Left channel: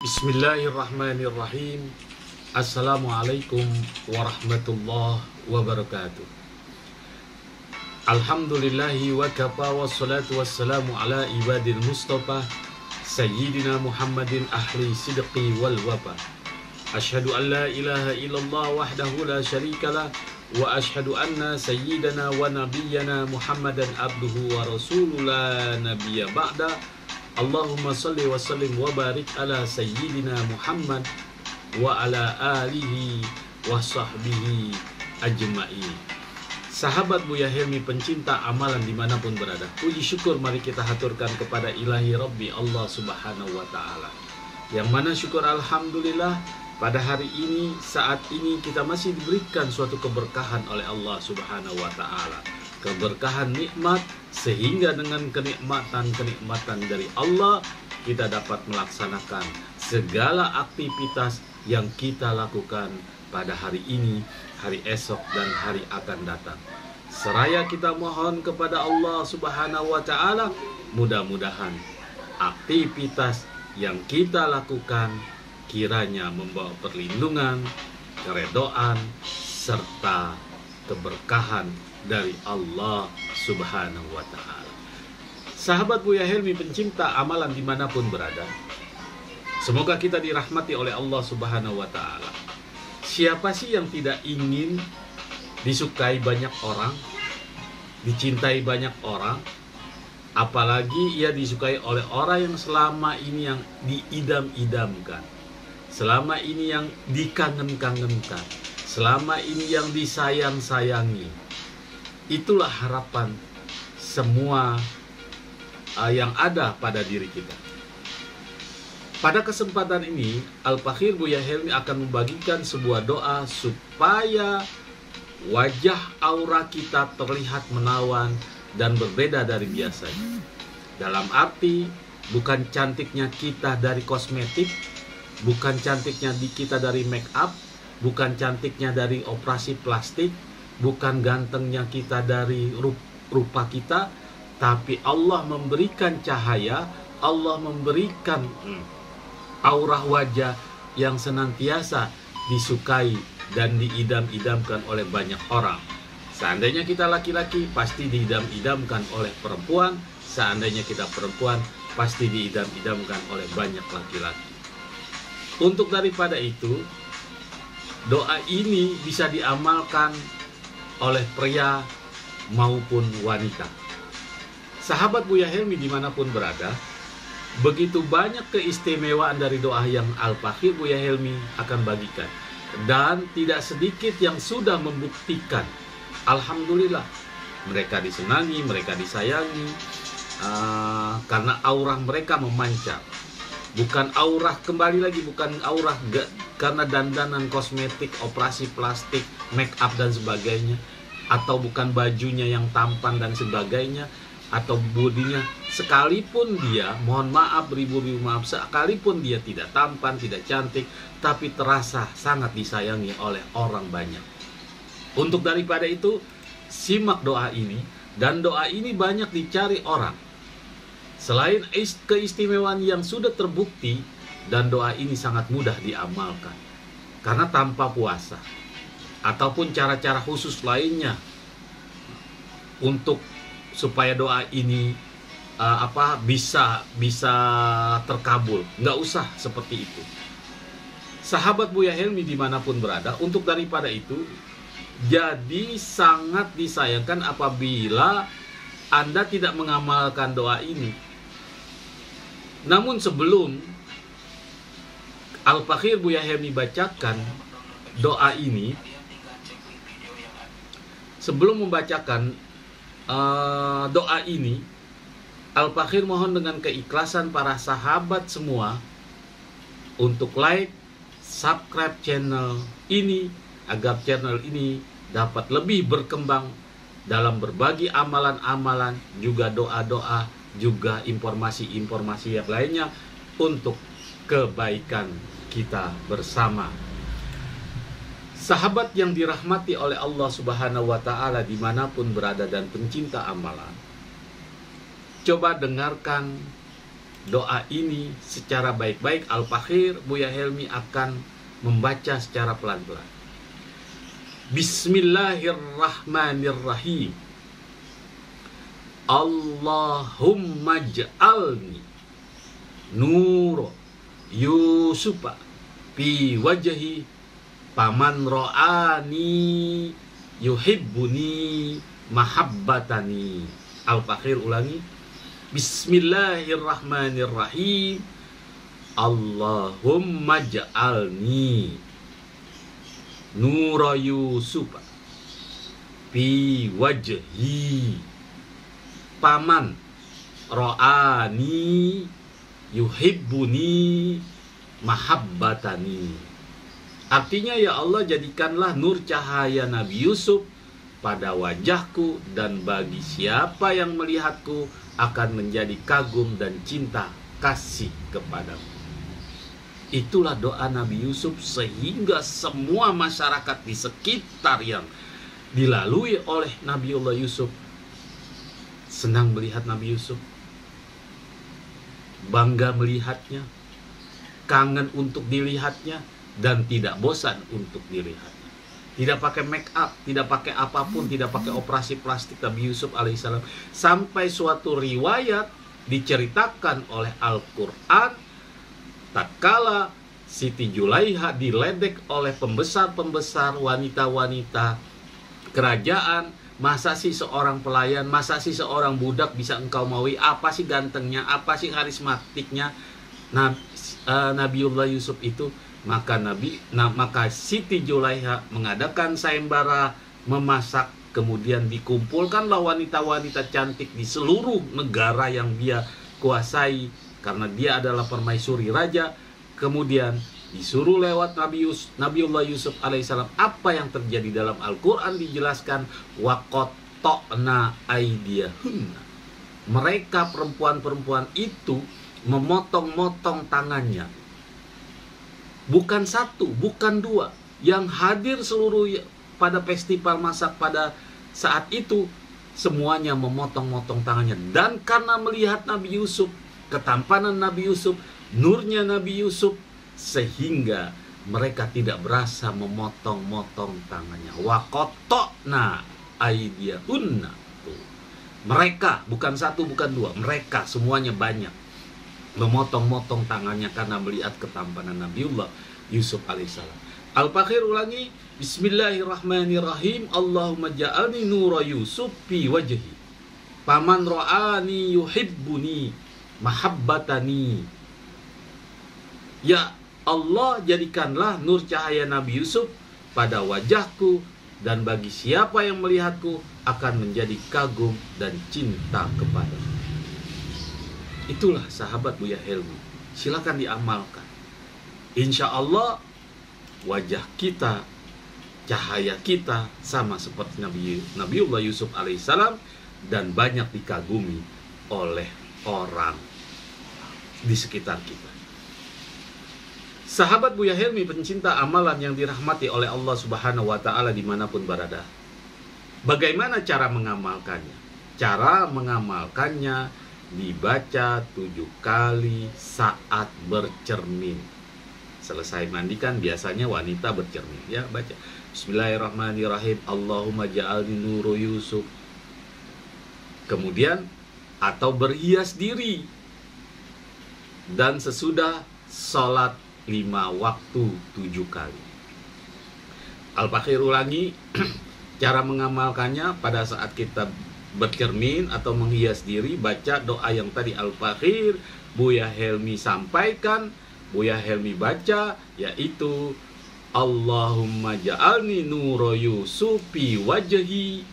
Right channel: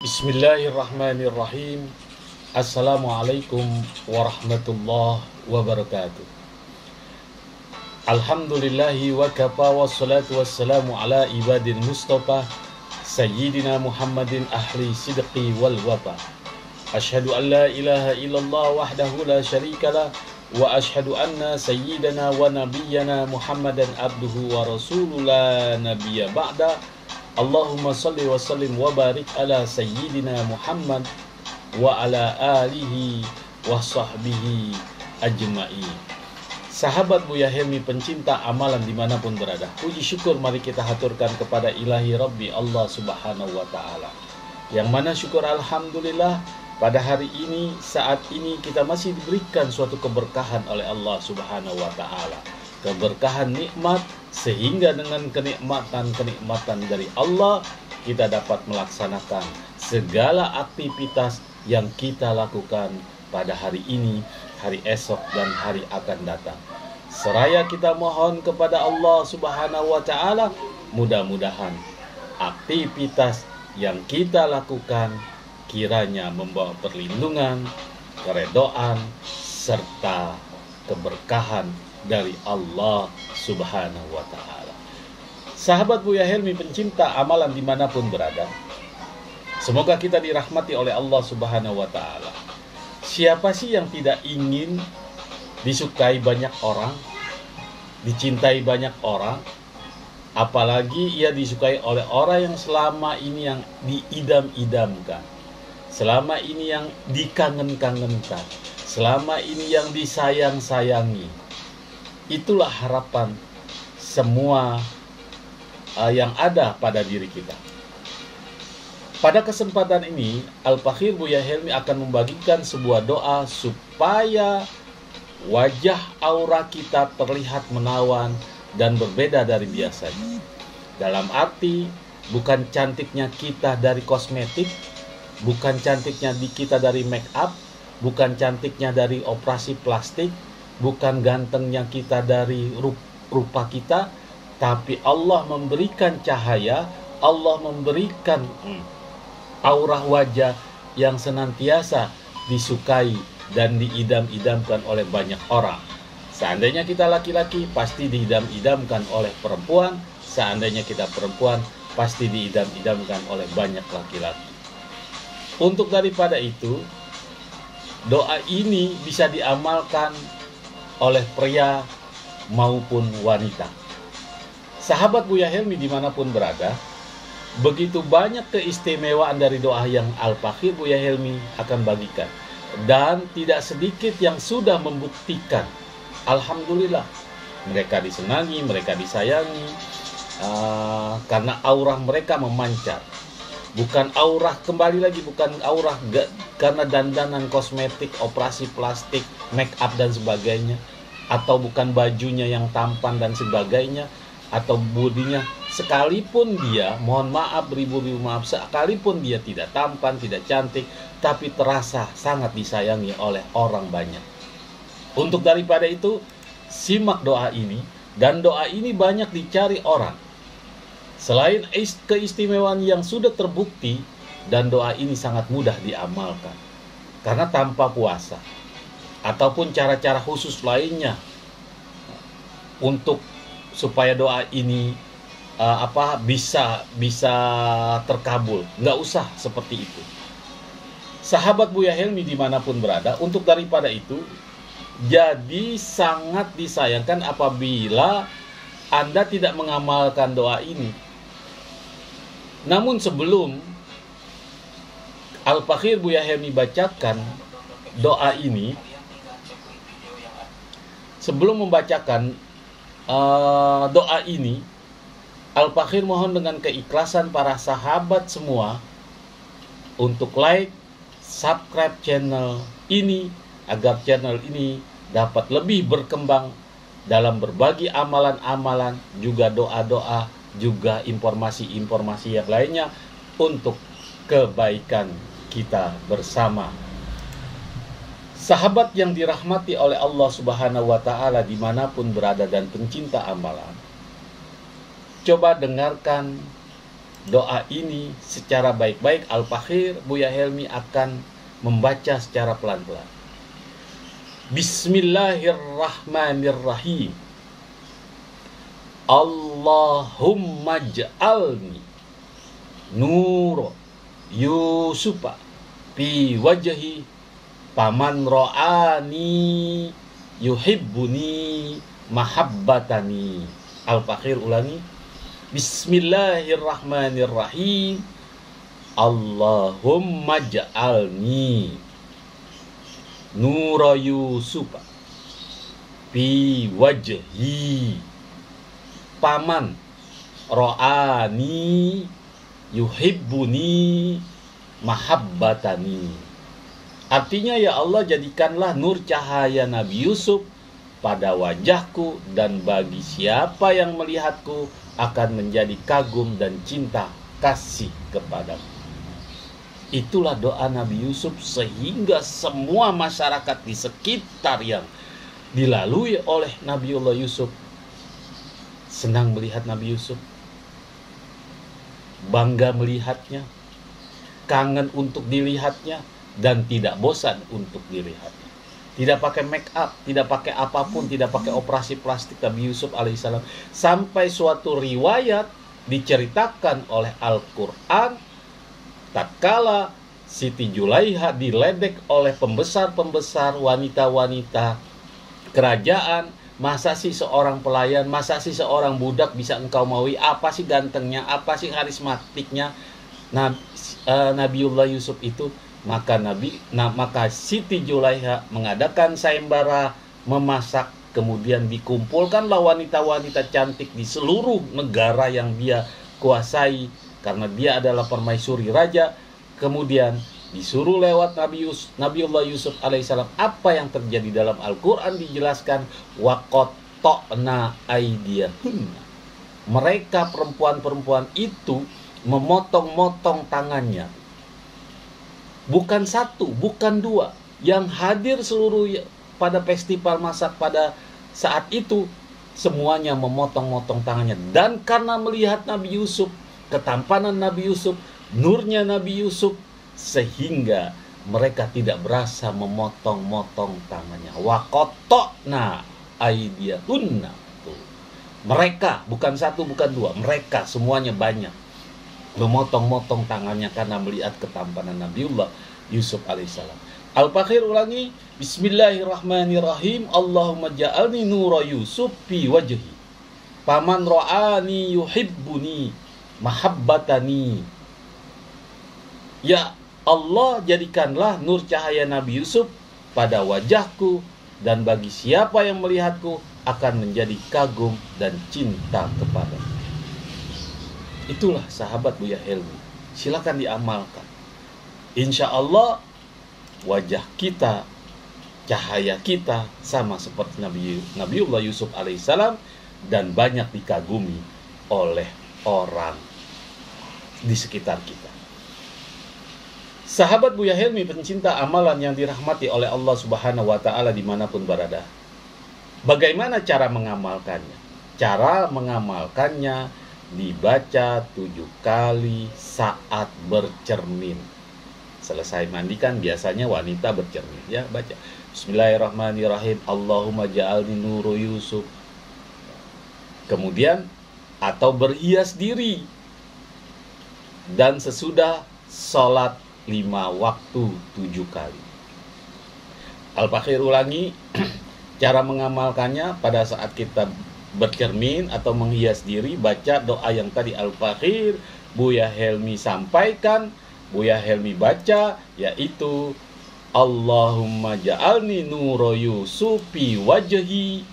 Bismillahirrahmanirrahim. Assalamualaikum warahmatullahi wabarakatuh. Alhamdulillahi wa kafa wassalatu wassalamu ala ibadil mustafa Sayyidina Muhammadin ahli sidqi wal wafa. Ashhadu an la ilaha illallah wahdahu la syarikalah wa ashhadu anna sayyidana wa nabiyyana Muhammadan abduhu wa rasuluhu la nabiyya ba'da. Allahumma salli wa sallim wa barik ala sayyidina Muhammad wa ala alihi wa sahbihi ajma'in. Sahabat Buya Helmi pencinta amalan dimanapun berada, puji syukur mari kita haturkan kepada ilahi Rabbi Allah subhanahu wa ta'ala, yang mana syukur alhamdulillah pada hari ini, saat ini kita masih diberikan suatu keberkahan oleh Allah subhanahu wa ta'ala, keberkahan nikmat, sehingga dengan kenikmatan dari Allah kita dapat melaksanakan segala aktivitas yang kita lakukan pada hari ini, hari esok, dan hari akan datang. Seraya kita mohon kepada Allah subhanahu wa ta'ala, mudah-mudahan aktivitas yang kita lakukan kiranya membawa perlindungan, keredoan, serta keberkahan dari Allah subhanahu wa ta'ala. Sahabat Buya Helmi pencinta amalan dimanapun berada, semoga kita dirahmati oleh Allah subhanahu wa ta'ala. Siapa sih yang tidak ingin disukai banyak orang, dicintai banyak orang, apalagi ia disukai oleh orang yang selama ini yang diidam-idamkan, selama ini yang dikangen-kangenkan, selama ini yang disayang-sayangi. Itulah harapan semua yang ada pada diri kita. Pada kesempatan ini, Al-Fakhir Buya Helmi akan membagikan sebuah doa supaya wajah aura kita terlihat menawan dan berbeda dari biasanya. Dalam arti, bukan cantiknya kita dari kosmetik, bukan cantiknya kita dari make up, bukan cantiknya dari operasi plastik, bukan gantengnya kita dari rupa kita, tapi Allah memberikan cahaya, Allah memberikan aura wajah yang senantiasa disukai dan diidam-idamkan oleh banyak orang. Seandainya kita laki-laki, pasti diidam-idamkan oleh perempuan. Seandainya kita perempuan, pasti diidam-idamkan oleh banyak laki-laki. Untuk daripada itu, doa ini bisa diamalkan oleh pria maupun wanita. Sahabat Buya Helmi dimanapun berada, begitu banyak keistimewaan dari doa yang Al-Fakhir Buya Helmi akan bagikan, dan tidak sedikit yang sudah membuktikan alhamdulillah mereka disenangi, mereka disayangi, karena aura mereka memancar. Bukan aura, kembali lagi, bukan aura karena dandanan kosmetik, operasi plastik, make up dan sebagainya, atau bukan bajunya yang tampan dan sebagainya, atau bodinya, sekalipun dia, mohon maaf, beribu-ribu maaf, sekalipun dia tidak tampan, tidak cantik, tapi terasa sangat disayangi oleh orang banyak. Untuk daripada itu, simak doa ini, dan doa ini banyak dicari orang. Selain keistimewaan yang sudah terbukti, dan doa ini sangat mudah diamalkan, karena tanpa puasa ataupun cara-cara khusus lainnya untuk supaya doa ini bisa terkabul, nggak usah seperti itu. Sahabat Buya Helmi dimanapun berada, untuk daripada itu, jadi sangat disayangkan apabila Anda tidak mengamalkan doa ini. Namun sebelum Al-Fakhir Buya Helmi bacakan doa ini, sebelum membacakan doa ini, Al-Fakhir mohon dengan keikhlasan para sahabat semua untuk like, subscribe channel ini, agar channel ini dapat lebih berkembang dalam berbagi amalan-amalan, juga doa-doa, juga informasi-informasi yang lainnya untuk kebaikan kita bersama. Sahabat yang dirahmati oleh Allah subhanahu wa ta'ala dimanapun berada dan pencinta amalan, coba dengarkan doa ini secara baik-baik, Al-Fakhir Buya Helmi akan membaca secara pelan-pelan. Bismillahirrahmanirrahim. Allahumma ja'alni nuro Yusufa fi wajhi paman ro'ani yuhibbuni mahabbatani. Al-Fakhir ulangi. Bismillahirrahmanirrahim. Allahumma ja'alni nura Yusufa fi wajhi paman ro'ani yuhibbuni mahabbatani. Artinya, ya Allah, jadikanlah nur cahaya Nabi Yusuf pada wajahku, dan bagi siapa yang melihatku akan menjadi kagum dan cinta kasih kepadaku. Itulah doa Nabi Yusuf, sehingga semua masyarakat di sekitar yang dilalui oleh Nabiullah Yusuf senang melihat Nabi Yusuf, bangga melihatnya, kangen untuk dilihatnya, dan tidak bosan untuk dilihatnya. Tidak pakai make up, tidak pakai apapun, tidak pakai operasi plastik Nabi Yusuf alaihissalam. Sampai suatu riwayat diceritakan oleh Al-Quran, tatkala Siti Julaiha diledek oleh pembesar-pembesar wanita-wanita kerajaan. Masa sih seorang pelayan, masa sih seorang budak bisa engkau maui? Apa sih gantengnya, apa sih karismatiknya Nabiullah Yusuf itu? Maka Siti Julaiha mengadakan sayembara memasak, kemudian dikumpulkanlah wanita-wanita cantik di seluruh negara yang dia kuasai, karena dia adalah permaisuri raja. Kemudian disuruh lewat Nabiullah Yusuf alaihissalam. Apa yang terjadi dalam Al-Quran dijelaskan, waqatta'na aydiyahunna. Mereka perempuan-perempuan itu memotong-motong tangannya. Bukan satu, bukan dua. Yang hadir seluruh pada festival masak pada saat itu, semuanya memotong-motong tangannya. Dan karena melihat Nabi Yusuf, ketampanan Nabi Yusuf, nurnya Nabi Yusuf, sehingga mereka tidak berasa memotong-motong tangannya. Waqatta'na aydiyahunna. Mereka, bukan satu, bukan dua. Mereka semuanya banyak memotong-motong tangannya karena melihat ketampanan Nabiullah Yusuf alaihissalam. Al-Fakhir ulangi. Bismillahirrahmanirrahim. Allahumma ja'alni nura Yusuf fi wajhi paman ro'ani yuhibbuni mahabbatani. Ya Allah, jadikanlah nur cahaya Nabi Yusuf pada wajahku, dan bagi siapa yang melihatku akan menjadi kagum dan cinta kepadaku. Itulah sahabat Buya Helmi. Silakan diamalkan. Insya Allah wajah kita, cahaya kita sama seperti Nabiullah Yusuf alaihissalam, dan banyak dikagumi oleh orang di sekitar kita. Sahabat Buya Helmi, pencinta amalan yang dirahmati oleh Allah Subhanahu wa Ta'ala dimanapun berada. Bagaimana cara mengamalkannya? Cara mengamalkannya dibaca 7 kali saat bercermin. Selesai mandikan, biasanya wanita bercermin, ya, baca Bismillahirrahmanirrahim. Allahumma ja'alni nuru Yusuf. Kemudian atau berhias diri, dan sesudah sholat 5 waktu 7 kali. Al-Fakhir ulangi. Cara mengamalkannya pada saat kita bercermin atau menghias diri, baca doa yang tadi Al-Fakhir Buya Helmi sampaikan, Buya Helmi baca, yaitu Allahumma ja'alni nura Yusuf fi wajhi,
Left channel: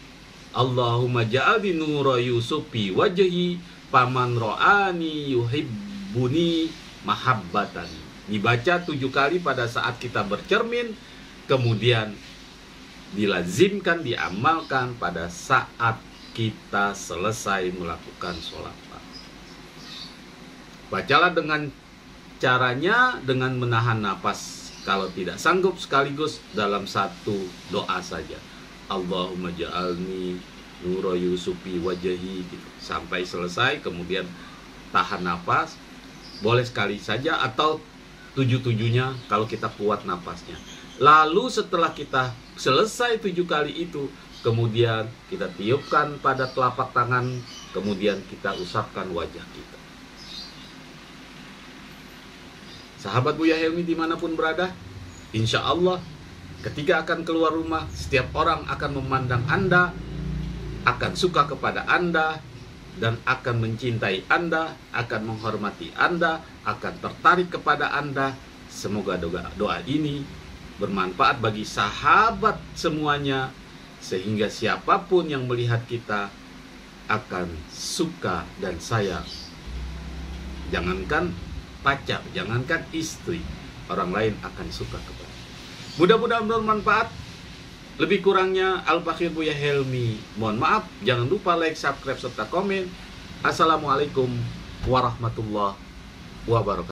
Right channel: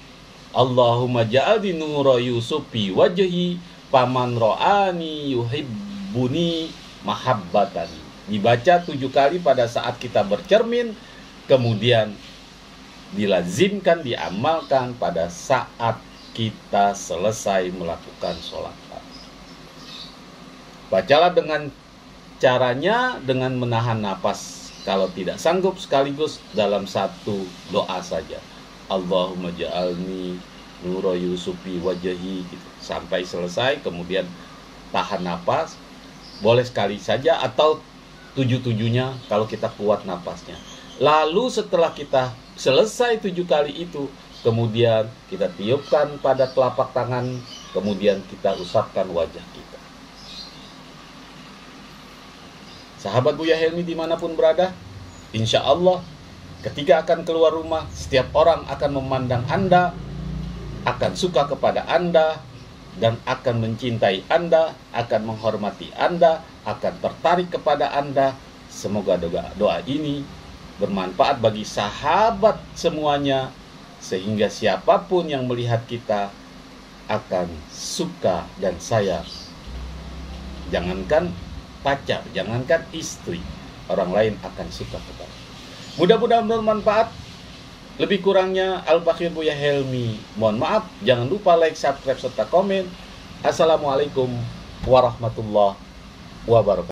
Allahumma ja'alni nura Yusuf fi wajhi paman ro'ani yuhibbuni mahabbatan. Dibaca 7 kali pada saat kita bercermin, kemudian dilazimkan, diamalkan pada saat kita selesai melakukan sholat. Bacalah dengan caranya dengan menahan napas. Kalau tidak sanggup, sekaligus dalam satu doa saja. Allahumma ja'alni nura Yusufi wajhi gitu. Sampai selesai, kemudian tahan napas, boleh sekali saja atau 7-7-nya kalau kita kuat napasnya. Lalu setelah kita selesai 7 kali itu, kemudian kita tiupkan pada telapak tangan, kemudian kita usapkan wajah kita. Sahabat Buya Helmi dimanapun berada, insya Allah ketika akan keluar rumah, setiap orang akan memandang Anda, akan suka kepada Anda, dan akan mencintai Anda, akan menghormati Anda, akan tertarik kepada Anda. Semoga doa ini bermanfaat bagi sahabat semuanya, sehingga siapapun yang melihat kita akan suka dan sayang. Jangankan pacar, jangankan istri, orang lain akan suka kepada. Mudah-mudahan bermanfaat. Lebih kurangnya Al-Fakir Buya Helmi mohon maaf. Jangan lupa like, subscribe, serta komen. Assalamualaikum warahmatullahi wabarakatuh.